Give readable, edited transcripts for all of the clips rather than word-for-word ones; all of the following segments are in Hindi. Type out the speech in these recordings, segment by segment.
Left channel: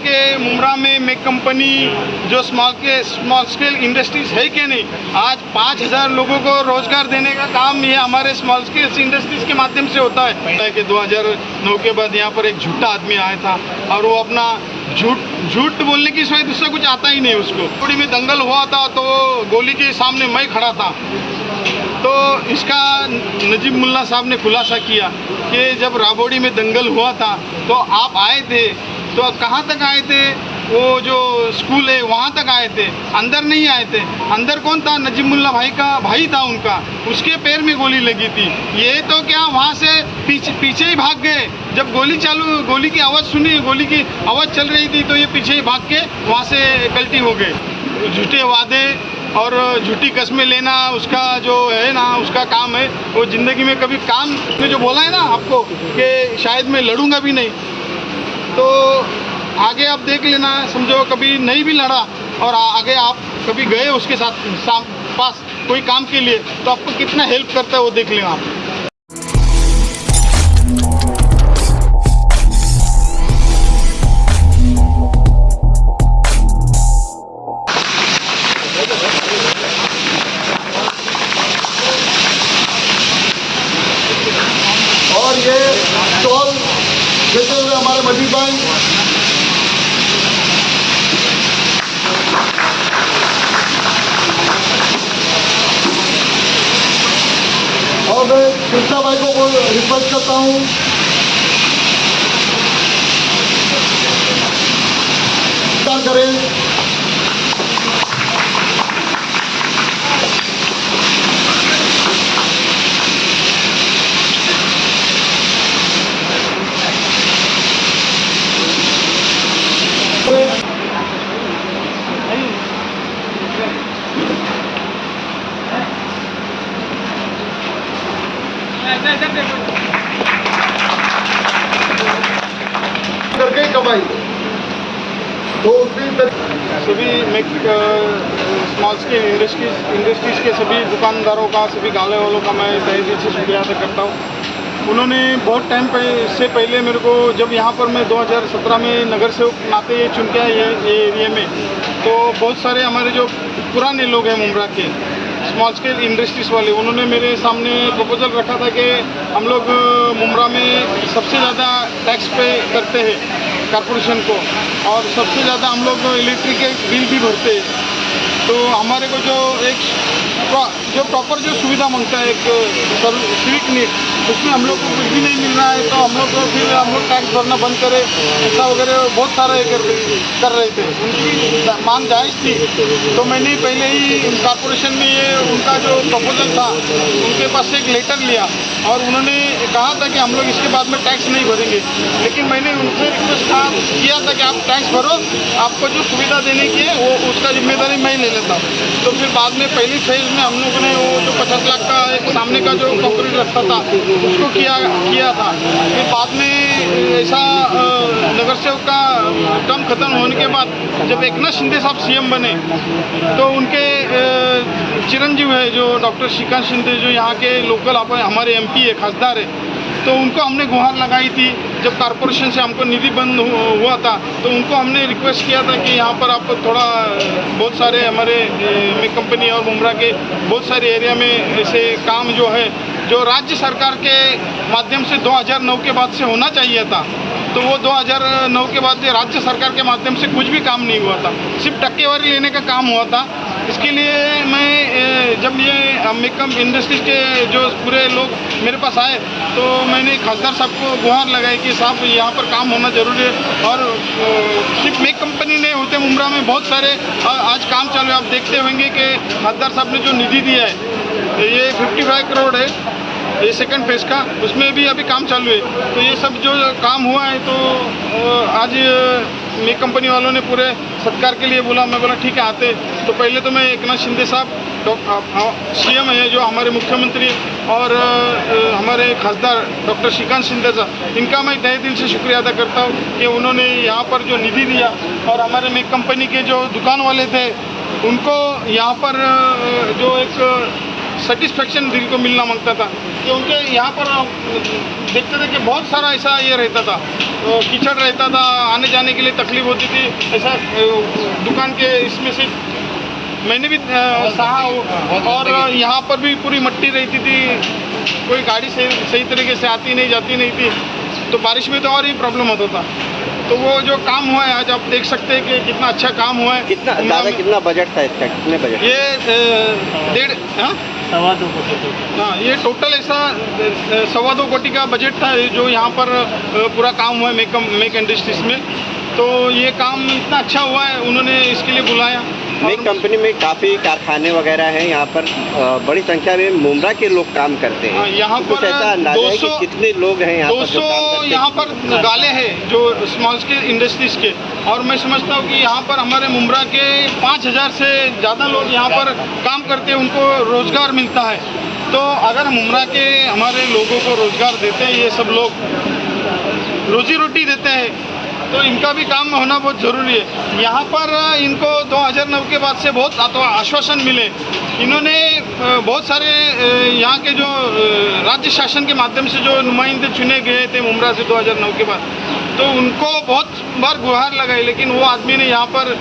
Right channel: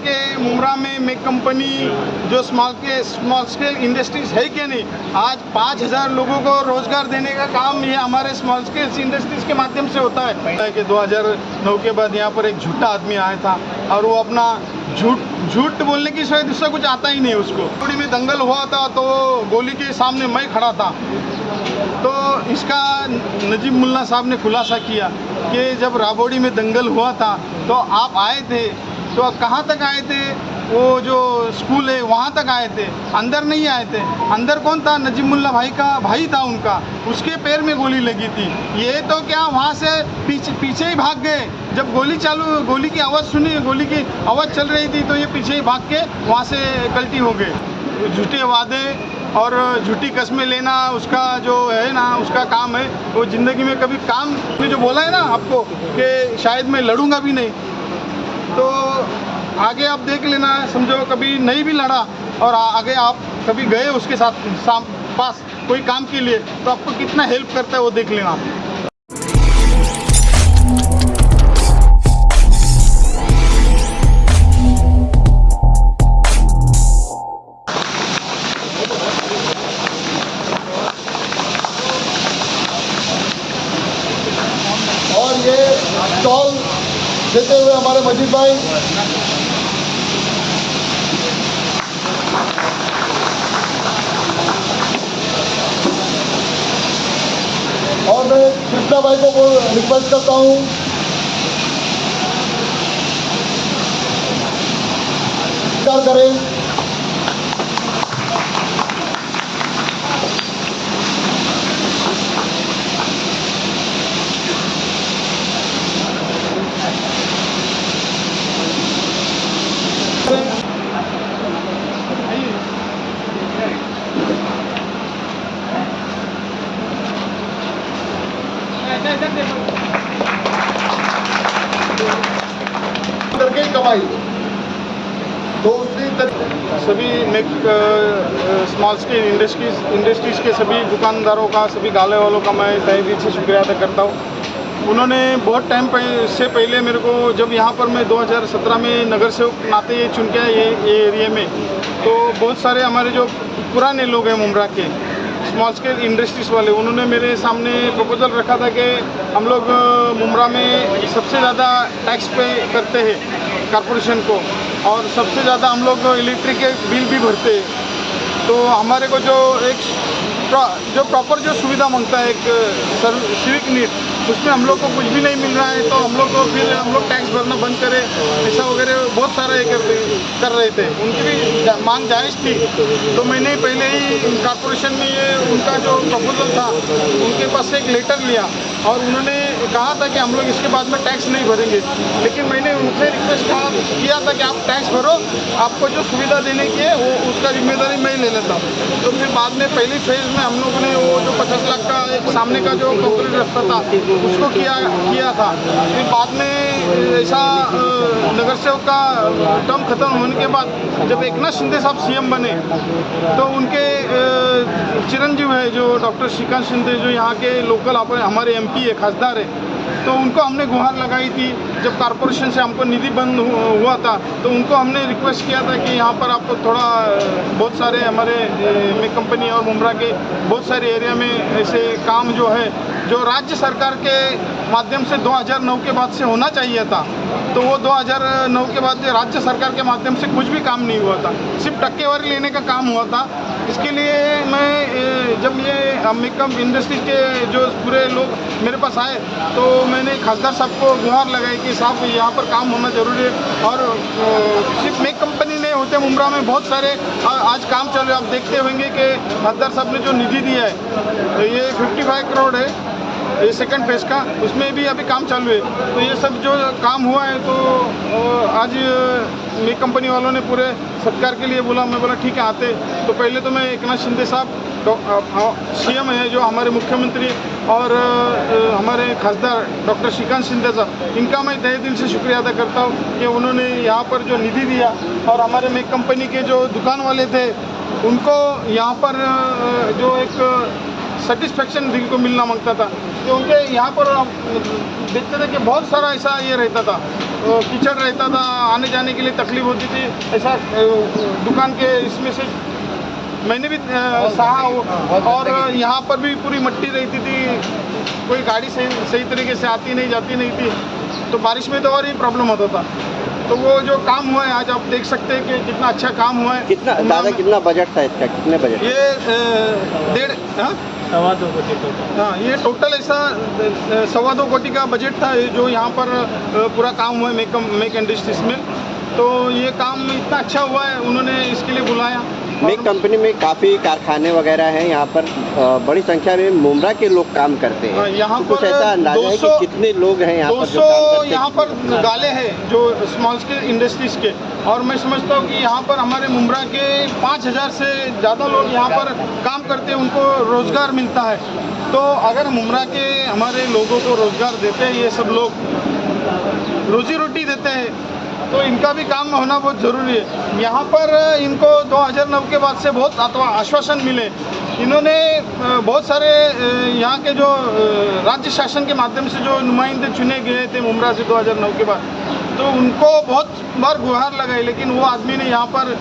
कि मुमरा में मेक कंपनी जो स्मॉल स्केल इंडस्ट्रीज है कि नहीं। आज 5000 लोगों को रोजगार देने का काम ये हमारे स्मॉल स्केल इंडस्ट्रीज के माध्यम से होता है। कि 2009 के बाद यहाँ पर एक झूठा आदमी आया था और वो अपना झूठ बोलने की सिवाय दूसरा कुछ आता ही नहीं उसको। थोड़ी में दंगल हुआ था तो गोली के सामने मैं खड़ा था, तो इसका नजीब मुल्ला साहब ने खुलासा किया कि जब राबोड़ी में दंगल हुआ था तो आप आए थे, तो कहाँ तक आए थे? वो जो स्कूल है वहाँ तक आए थे, अंदर नहीं आए थे। अंदर कौन था? नजीब मुल्ला भाई का भाई था उनका, उसके पैर में गोली लगी थी। ये तो क्या वहाँ से पीछे ही भाग गए। जब गोली की आवाज़ सुनी, गोली की आवाज़ चल रही थी, तो ये पीछे ही भाग के वहाँ से गलती हो गए। झूठे वादे और झूठी कस्में लेना उसका जो है ना, उसका काम है। वो ज़िंदगी में कभी काम में जो बोला है ना आपको कि शायद मैं लड़ूंगा भी नहीं, तो आगे आप देख लेना। समझो कभी नहीं भी लड़ा और आगे आप कभी गए उसके साथ पास कोई काम के लिए, तो आपको कितना हेल्प करता है वो देख लेना आप। और ये स्टॉल देते हुए हमारे मजीद भाई, और मैं कृष्णा भाई को रिक्वेस्ट करता हूँ करें। करके कमाई तो सभी स्मॉल स्केल इंडस्ट्रीज के सभी दुकानदारों का, सभी गाले वालों का मैं तहे दिल से शुक्रिया अदा करता हूँ। उन्होंने बहुत टाइम से पहले मेरे को, जब यहाँ पर मैं 2017 में नगर सेवक नाते चुन के आए ये एरिया में, तो बहुत सारे हमारे जो पुराने लोग हैं मुमरा के स्मॉल स्केल इंडस्ट्रीज वाले, उन्होंने मेरे सामने प्रपोजल रखा था कि हम लोग मुमरा में सबसे ज़्यादा टैक्स पे करते हैं कॉरपोरेशन को, और सबसे ज़्यादा हम लोग इलेक्ट्रिक के बिल भी भरते हैं। तो हमारे को जो प्रॉपर जो सुविधा मांगता है एक सिविक नीड, उसमें हम लोग को कुछ भी नहीं मिल रहा है, तो हम लोग को फिर हम लोग टैक्स भरना बंद करें, ऐसा वगैरह बहुत सारा ये कर रहे थे। उनकी भी मांग जायज़ थी, तो मैंने पहले ही कॉरपोरेशन में ये उनका जो प्रपोजल था उनके पास से एक लेटर लिया, और उन्होंने कहा था कि हम लोग इसके बाद में टैक्स नहीं भरेंगे। लेकिन मैंने उनसे रिक्वेस्ट किया था कि आप टैक्स भरो, आपको जो सुविधा देने की है वो उसका जिम्मेदारी मैं ले लेता हूँ। तो फिर बाद में पहली फेज़ में हम लोगों ने वो जो 50 लाख का एक सामने का जो कंक्रीट रास्ता था उसको किया था। फिर बाद में ऐसा नगर सेवक का टर्म खत्म होने के बाद जब एकनाथ शिंदे साहब सीएम बने, तो उनके चिरंजीव है जो डॉक्टर श्रीकांत शिंदे, जो यहाँ के लोकल हमारे एमपी है, खासदार है, तो उनको हमने गुहार लगाई थी। जब कॉरपोरेशन से हमको निधि बंद हुआ था, तो उनको हमने रिक्वेस्ट किया था कि यहाँ पर आप थोड़ा, बहुत सारे हमारे मेक कंपनी और मुमरा के बहुत सारे एरिया में ऐसे काम जो है जो राज्य सरकार के माध्यम से 2009 के बाद से होना चाहिए था, तो वो 2009 के बाद राज्य सरकार के माध्यम से कुछ भी काम नहीं हुआ था, सिर्फ टक्केवारी लेने का काम हुआ था। इसके लिए मैं जब ये मेकअप इंडस्ट्री के जो पूरे लोग मेरे पास आए, तो मैंने खासदार साहब को गुहार लगाई कि साहब यहाँ पर काम होना ज़रूरी है। और सिर्फ मेक कंपनी नहीं होते, मुमरा में बहुत सारे आज काम चालू है। आप देखते होंगे कि खासदार साहब ने जो निधि दिया है, ये 55 करोड़ है, ये सेकंड फेज़ का, उसमें भी अभी काम चालू है। तो ये सब जो काम हुआ है, तो आज मेक कंपनी वालों ने पूरे सत्कार के लिए बोला। मैं बोला ठीक है आते। तो पहले तो मैं एकनाथ शिंदे साहब सीएम है जो हमारे मुख्यमंत्री, और हमारे खासदार डॉक्टर श्रीकांत शिंदे साहब, इनका मैं तहे दिल से शुक्रिया अदा करता हूँ कि उन्होंने यहाँ पर जो निधि दिया, और हमारे मेक कंपनी के जो दुकान वाले थे उनको यहाँ पर जो एक सेटिस्फेक्शन दिल को मिलना मांगता था, कि उनके यहाँ पर देखते थे कि बहुत सारा ऐसा ये रहता था, कीचड़ रहता था, आने जाने के लिए तकलीफ होती थी। ऐसा दुकान के इसमें से मैंने भी सहा और यहाँ पर भी पूरी मिट्टी रहती थी, कोई गाड़ी सही तरीके से आती नहीं जाती नहीं थी, तो बारिश में तो और ही प्रॉब्लम होता था। तो वो जो काम हुआ है आज आप देख सकते हैं कि कितना अच्छा काम हुआ है। कितना बजट था इसका, कितने बजट? ये 1.5 हाँ, ये टोटल ऐसा 2.25 कोटी का बजट था जो यहाँ पर पूरा काम हुआ है मेक इंडस्ट्रीज में। तो ये काम इतना अच्छा हुआ है, उन्होंने इसके लिए बुलाया। मेक कंपनी में काफ़ी कारखाने वगैरह हैं यहाँ पर, बड़ी संख्या में मुमरा के लोग काम करते हैं। यहाँ पर 200 कितने लोग हैं यहाँ 200 यहाँ पर गाले हैं जो स्मॉल स्केल इंडस्ट्रीज के, और मैं समझता हूँ कि यहाँ पर हमारे मुमरा के 5000 से ज़्यादा लोग यहाँ पर काम करते हैं, उनको रोज़गार मिलता है। तो अगर मुमरा के हमारे लोगों को रोज़गार देते हैं, ये सब लोग रोजी रोटी देते हैं, तो इनका भी काम होना बहुत ज़रूरी है। यहाँ पर इनको 2009 के बाद से बहुत आश्वासन मिले। इन्होंने बहुत सारे यहाँ के जो राज्य शासन के माध्यम से जो नुमाइंदे चुने गए थे मुमरा से 2009 के बाद, तो उनको बहुत बार गुहार लगाई, लेकिन वो आदमी ने यहाँ पर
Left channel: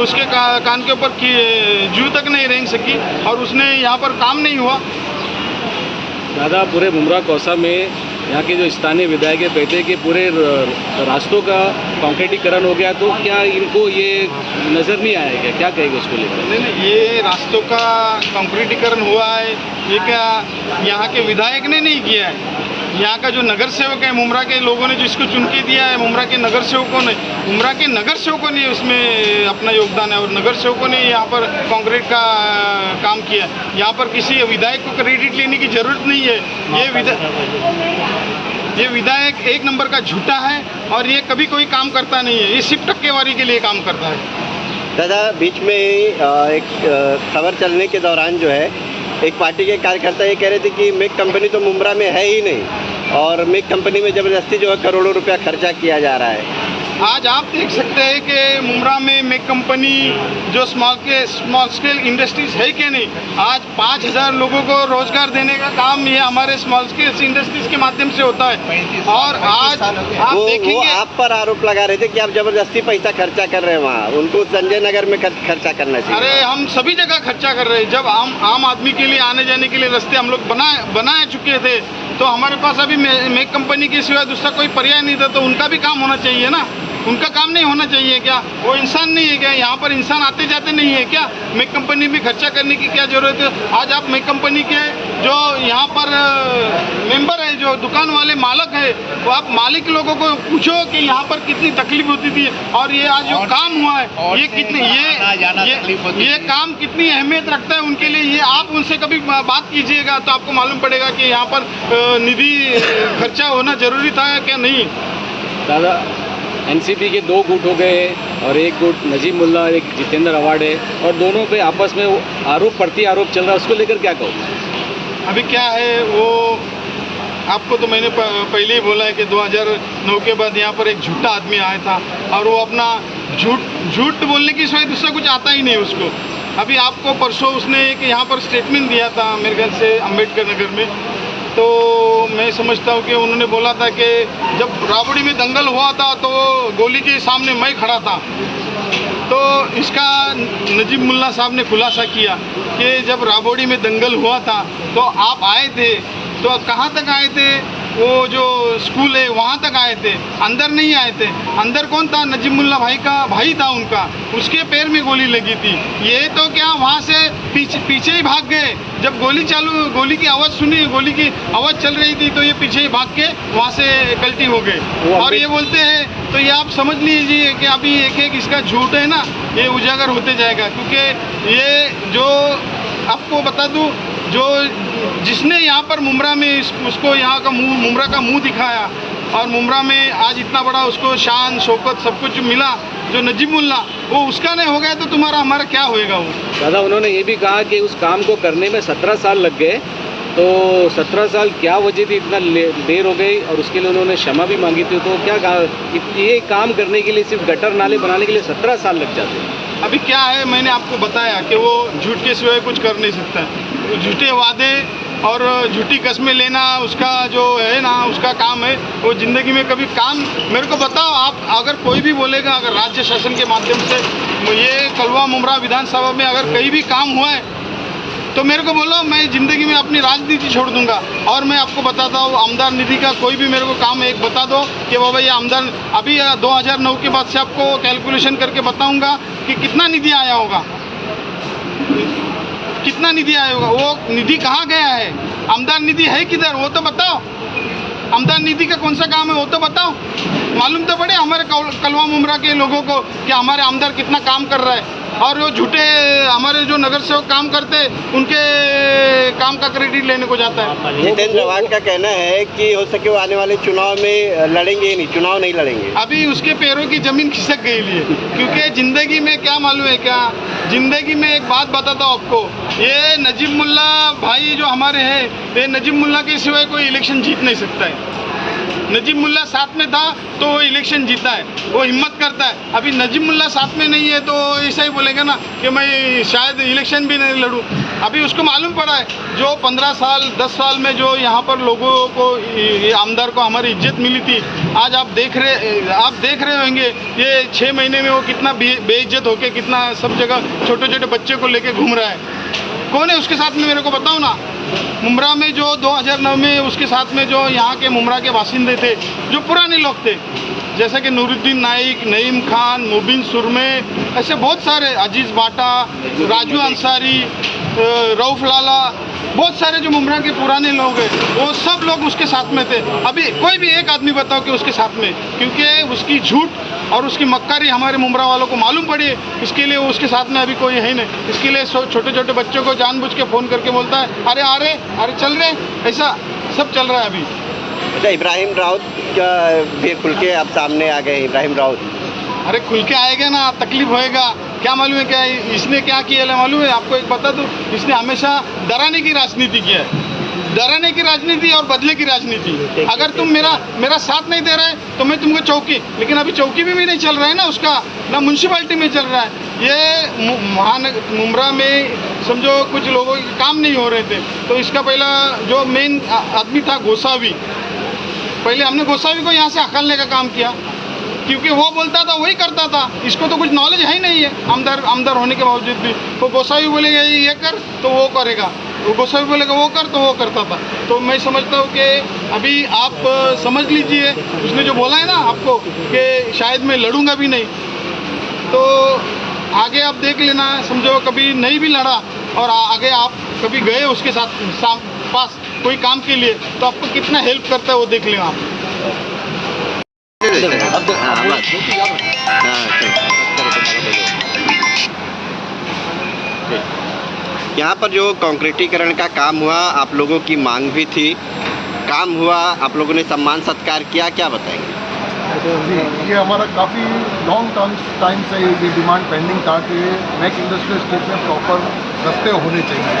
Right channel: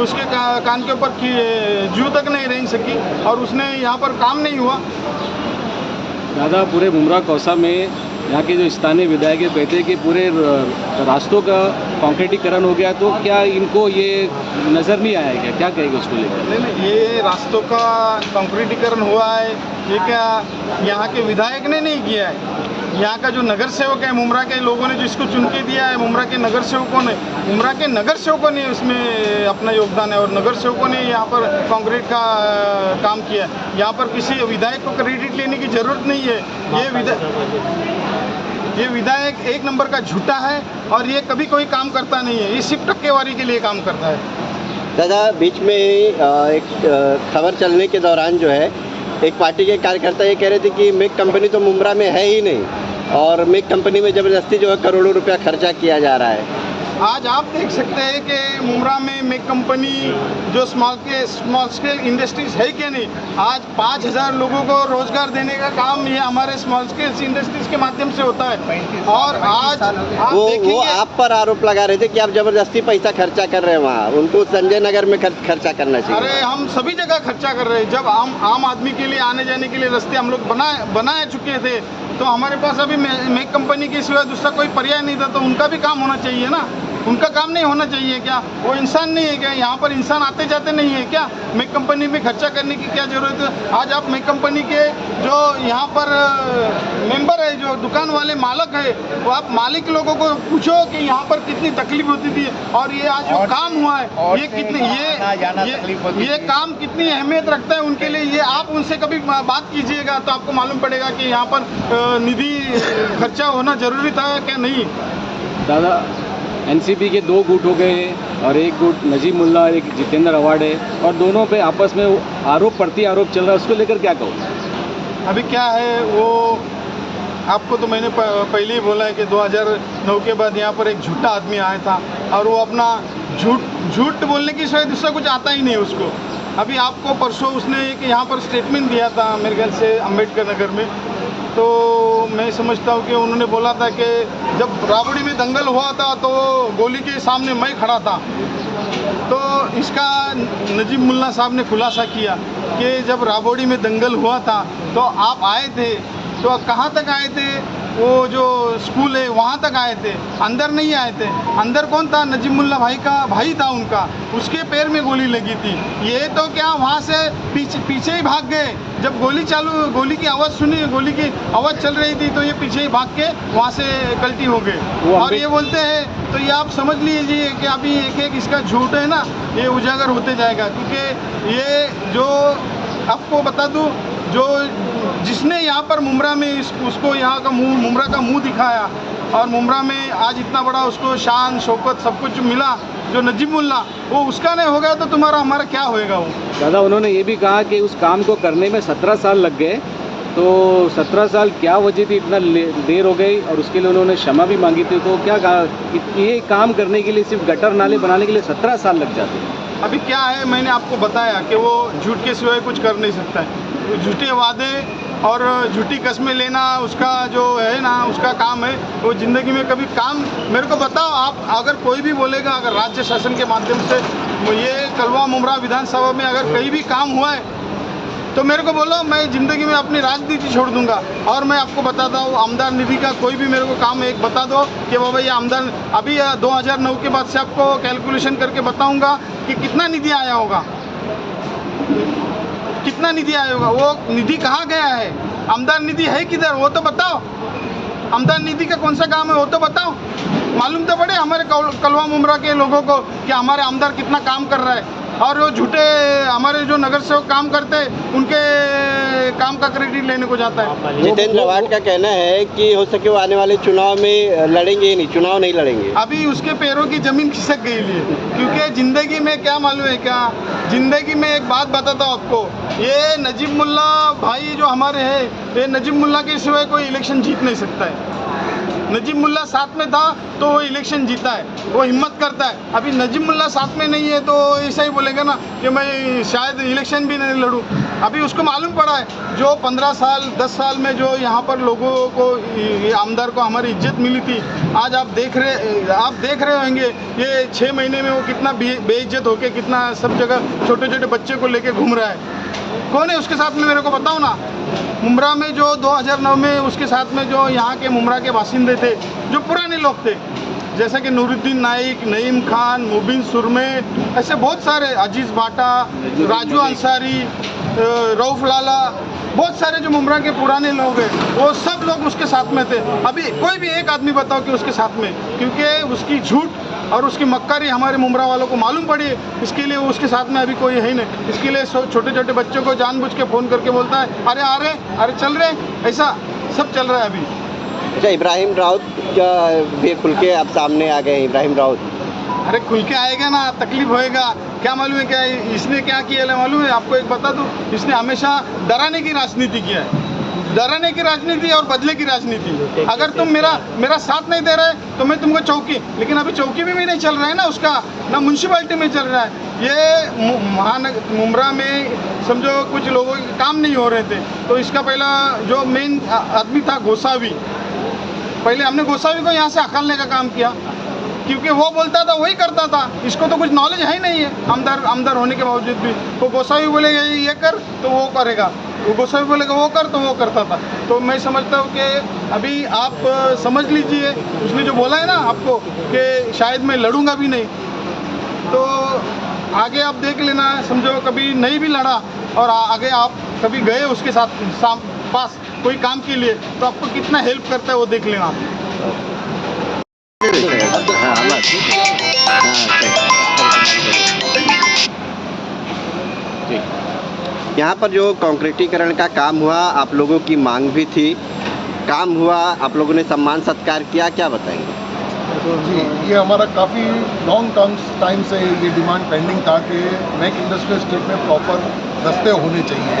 उसके कान के ऊपर जू तक नहीं रेंग सकी और उसने यहाँ पर काम नहीं हुआ। दादा, पूरे मुमरा कौसा में यहाँ के जो स्थानीय विधायक कहते हैं कि पूरे रास्तों का कंक्रीटीकरण हो गया, तो क्या इनको ये नज़र नहीं आया क्या? क्या कहेगा उसको लेकर? नहीं, ये रास्तों का कंक्रीटीकरण हुआ है, ये क्या यहाँ के विधायक ने नहीं किया है। यहाँ का जो नगर सेवक है, मुमरा के लोगों ने जिसको चुन के दिया है, मुमरा के नगर सेवकों ने उसमें अपना योगदान है, और नगर सेवकों ने यहाँ पर कंक्रीट का काम किया। यहाँ पर किसी विधायक को क्रेडिट लेने की ज़रूरत नहीं है। ये विधायक एक नंबर का झूठा है और ये कभी कोई काम करता नहीं है, ये सिर्फ टक्केवारी के लिए काम करता है। दादा, बीच में एक खबर चलने के दौरान जो है, एक पार्टी के कार्यकर्ता ये कह रहे थे कि मेक कंपनी तो मुमरा में है ही नहीं, और मेक कंपनी में ज़बरदस्ती जो है करोड़ों रुपया खर्चा किया जा रहा है। आज आप देख सकते हैं कि मुमरा में मेक कंपनी जो स्मॉल स्केल इंडस्ट्रीज है कि नहीं। आज 5000 लोगों को रोजगार देने का काम ये हमारे स्मॉल स्केल इंडस्ट्रीज के माध्यम से होता है। और आज आप देखेंगे, वो आप पर आरोप लगा रहे थे कि आप जबरदस्ती पैसा खर्चा कर रहे हैं वहाँ, उनको संजय नगर में खर्चा करना चाहिए। अरे हम सभी जगह खर्चा कर रहे हैं। जब आम आदमी के लिए आने जाने के लिए रास्ते हम लोग बना चुके थे, तो हमारे पास अभी मेक कंपनी के सिवा दूसरा कोई पर्याय नहीं था, तो उनका भी काम होना चाहिए ना। उनका काम नहीं होना चाहिए क्या? वो इंसान नहीं है क्या? यहाँ पर इंसान आते जाते नहीं है क्या? मेक कंपनी में खर्चा करने की क्या ज़रूरत है? आज आप मेक कंपनी के जो यहाँ पर मेंबर है, जो दुकान वाले मालिक है, वो आप मालिक लोगों को पूछो कि यहाँ पर कितनी तकलीफ होती थी, और ये आज जो काम हुआ है ये कितनी ये काम कितनी अहमियत रखता है उनके लिए, ये आप उनसे कभी बात कीजिएगा तो आपको मालूम पड़ेगा कि यहाँ पर निधि खर्चा होना ज़रूरी था क्या नहीं। दादा, एनसीपी के 2 गुट हो गए और एक गुट नजीब मुल्ला और एक जितेंद्र अवार्ड है, और दोनों पे आपस में आरोप प्रति आरोप चल रहा है, उसको लेकर क्या कहो? अभी क्या है, वो आपको तो मैंने पहले ही बोला है कि 2009 के बाद यहाँ पर एक झूठा आदमी आया था, और वो अपना झूठ बोलने की सिवाय दूसरा कुछ आता ही नहीं उसको। अभी आपको परसों उसने एक यहाँ पर स्टेटमेंट दिया था मेरे ख्याल से अम्बेडकर नगर में, तो मैं समझता हूँ कि उन्होंने बोला था कि जब राबड़ी में दंगल हुआ था तो गोली के सामने मैं खड़ा था। तो इसका नजीब मुल्ला साहब ने खुलासा किया कि जब राबड़ी में दंगल हुआ था तो आप आए थे, तो कहाँ तक आए थे? वो जो स्कूल है वहाँ तक आए थे, अंदर नहीं आए थे। अंदर कौन था? नजीब मुल्ला भाई का भाई था उनका, उसके पैर में गोली लगी थी। ये तो क्या वहाँ से पीछे ही भाग गए। जब गोली की आवाज़ सुनी, गोली की आवाज़ चल रही थी, तो ये पीछे ही भाग के वहाँ से कल्टी हो गए। और ये बोलते हैं, तो ये आप समझ लीजिए कि अभी एक इसका झूठ है ना, ये उजागर होते जाएगा। क्योंकि ये जो आपको बता दूँ, जो जिसने यहाँ पर मुमरा में उसको यहाँ का मुमरा का मुंह दिखाया, और मुमरा में आज इतना बड़ा उसको शान शौकत सब कुछ मिला, जो नजीब मुल्ला, वो उसका नहीं हो गया तो तुम्हारा हमारा क्या होएगा? वो दादा, उन्होंने ये भी कहा कि उस काम को करने में 17 साल लग गए, तो 17 साल क्या वजह थी, इतना देर हो गई, और उसके लिए उन्होंने क्षमा भी मांगी थी। तो क्या कहा, ये काम करने के लिए सिर्फ गटर नाले बनाने के लिए 17 साल लग जाते हैं? अभी क्या है, मैंने आपको बताया कि वो झूठ के सिवाय कुछ कर नहीं सकता है। झूठे वादे और झूठी कस्में लेना उसका जो है ना उसका काम है। वो ज़िंदगी में कभी काम मेरे को बताओ आप, अगर कोई भी बोलेगा अगर राज्य शासन के माध्यम से ये कलवा मुमरा विधानसभा में अगर कहीं भी काम हुआ है तो मेरे को बोलो, मैं ज़िंदगी में अपनी राजनीति छोड़ दूंगा। और मैं आपको बताता हूँ आमदार निधि का कोई भी मेरे को काम एक बता दो कि बाबा ये आमदार अभी 2009 के बाद से आपको कैलकुलेशन करके बताऊंगा कि कितना निधि आया होगा, कितना निधि आया होगा, वो निधि कहाँ गया है, आमदार निधि है किधर वो तो बताओ। आमदार निधि का कौन सा काम है वो तो बताओ, मालूम तो पड़े हमारे कलवा मुमरा के लोगों को कि हमारे आमदार कितना काम कर रहा है। और वो झूठे हमारे जो नगर सेवक काम करते हैं उनके काम का क्रेडिट लेने को जाता है। जितेंद्र आव्हाड का कहना है कि हो सके वो आने वाले चुनाव में लड़ेंगे ही नहीं, चुनाव नहीं लड़ेंगे। अभी उसके पैरों की जमीन खिसक गई है, क्योंकि ज़िंदगी में क्या मालूम है क्या, ज़िंदगी में एक बात बताता हूँ आपको, ये नजीब मुल्ला भाई जो हमारे हैं, ये नजीब मुल्ला के सिवाय कोई इलेक्शन जीत नहीं सकता है। नजीब मुल्ला साथ में था तो वो इलेक्शन जीता है, वो हिम्मत करता है। अभी नजीब मुल्ला साथ में नहीं है तो ऐसा ही बोलेगा ना कि मैं शायद इलेक्शन भी नहीं लड़ूं। अभी उसको मालूम पड़ा है जो 15 साल 10 साल में जो यहाँ पर लोगों को ये आमदार को हमारी इज्जत मिली थी, आज आप देख रहे होंगे ये 6 महीने में वो कितना बेइज्जत होके कितना सब जगह छोटे छोटे बच्चे को लेके घूम रहा है। कौन है उसके साथ में मेरे को बताओ ना। मुमरा में जो 2009 में उसके साथ में जो यहाँ के मुमरा के बासिंदे थे, जो पुराने लोग थे, जैसे कि नूरुद्दीन नाइक, नईम खान, मुबिन सुरमे, ऐसे बहुत सारे, अजीज़ बाटा, राजू अंसारी, रऊफ लाला, बहुत सारे जो मुमरा के पुराने लोग हैं वो सब लोग उसके साथ में थे। अभी कोई भी एक आदमी बताओ कि उसके साथ में, क्योंकि उसकी झूठ और उसकी मक्कारी हमारे मुमरा वालों को मालूम पड़ी है, इसके लिए उसके साथ में अभी कोई है ही नहीं। इसके लिए छोटे छोटे बच्चों को जानबूझ के फ़ोन करके बोलता है अरे आ रहे, अरे चल रहे, ऐसा सब चल रहा है अभी। अच्छा, इब्राहिम राउत का भी खुल के आप सामने आ गए। इब्राहिम राउत अरे खुल के आएगा ना, तकलीफ होएगा, क्या मालूम है क्या इसने क्या किया है मालूम है आपको, एक बता दूँ, इसने हमेशा डराने की राजनीति किया है, डराने की राजनीति और बदले की राजनीति। अगर तुम मेरा साथ नहीं दे रहे तो मैं तुमको चौकी, लेकिन अभी चौकी भी नहीं चल रहा है ना उसका, ना म्यूनसिपैलिटी में चल रहा है। ये मुमरा में समझो कुछ लोगों के काम नहीं हो रहे थे तो इसका पहला जो मेन आदमी था गोसावी, पहले हमने गोसावी को यहाँ से हकालने का काम किया, क्योंकि वो बोलता था वही करता था, इसको तो कुछ नॉलेज है ही नहीं है आमदार होने के बावजूद भी। वो गोसावी बोलेगा ये कर तो वो करेगा, वो गोसावी बोलेगा वो कर तो वो करता था। तो मैं समझता हूँ कि अभी आप समझ लीजिए, उसने जो बोला है ना आपको कि शायद मैं लड़ूंगा भी नहीं, तो आगे आप देख लेना, समझो कभी नहीं भी लड़ा और आगे आप कभी गए उसके साथ पास कोई काम के लिए तो आपको कितना हेल्प करता है वो देख लेना आप। यहाँ पर जो कंक्रीटीकरण का काम हुआ, आप लोगों की मांग भी थी, काम हुआ, आप लोगों ने सम्मान सत्कार किया, क्या बताएंगे? ये हमारा काफ़ी लॉन्ग टाइम से ये डिमांड पेंडिंग था कि नेक्स्ट इंडस्ट्रियल स्टेट में प्रॉपर रास्ते होने चाहिए,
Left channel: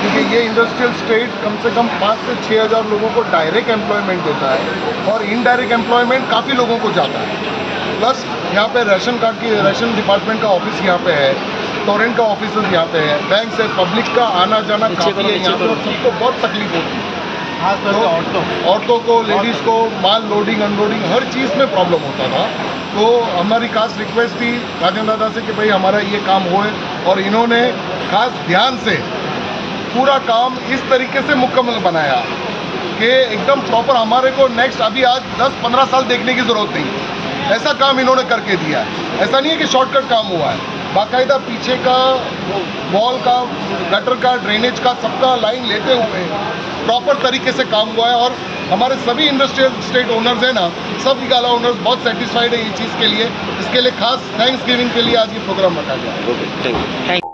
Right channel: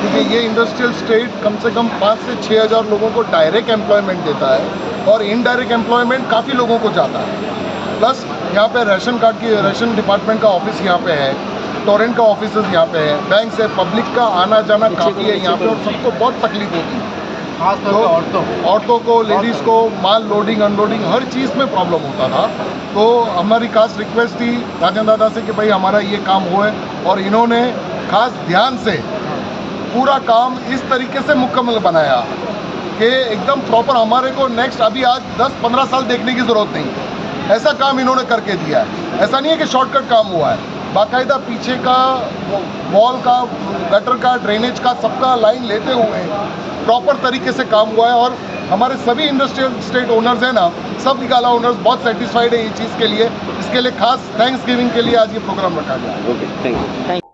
क्योंकि ये इंडस्ट्रियल स्टेट कम से कम 5 से 6 हज़ार लोगों को डायरेक्ट एम्प्लॉयमेंट देता है और इनडायरेक्ट एम्प्लॉयमेंट काफ़ी लोगों को जाता है। प्लस यहाँ पे रेशन डिपार्टमेंट का ऑफिस यहाँ पे है, टोरेंट का ऑफिस यहाँ पे है, बैंक से पब्लिक का आना जाना काफ़ी है यहाँ पे और सबको बहुत तकलीफ होती है, औरतों को, लेडीज़ को माल लोडिंग अनलोडिंग हर चीज़ में प्रॉब्लम होता था। तो हमारी खास रिक्वेस्ट थी राजन दादा से कि भाई हमारा ये काम हो है, और इन्होंने खास ध्यान से पूरा काम इस तरीके से मुकम्मल बनाया कि एकदम प्रॉपर हमारे को नेक्स्ट अभी आज 10-15 साल देखने की ज़रूरत नहीं, ऐसा काम इन्होंने करके दिया है। ऐसा नहीं है कि शॉर्टकट काम हुआ है, बाकायदा पीछे का वॉल का, गटर का, ड्रेनेज का सबका लाइन लेते हुए प्रॉपर तरीके से काम हुआ है। और हमारे सभी इंडस्ट्रियल स्टेट ओनर्स हैं ना, सब निकाला ओनर्स बहुत सेटिस्फाइड है ये चीज़ के लिए। इसके लिए खास थैंक्स गिविंग के लिए आज ये प्रोग्राम रखा गया है। Okay, thank you.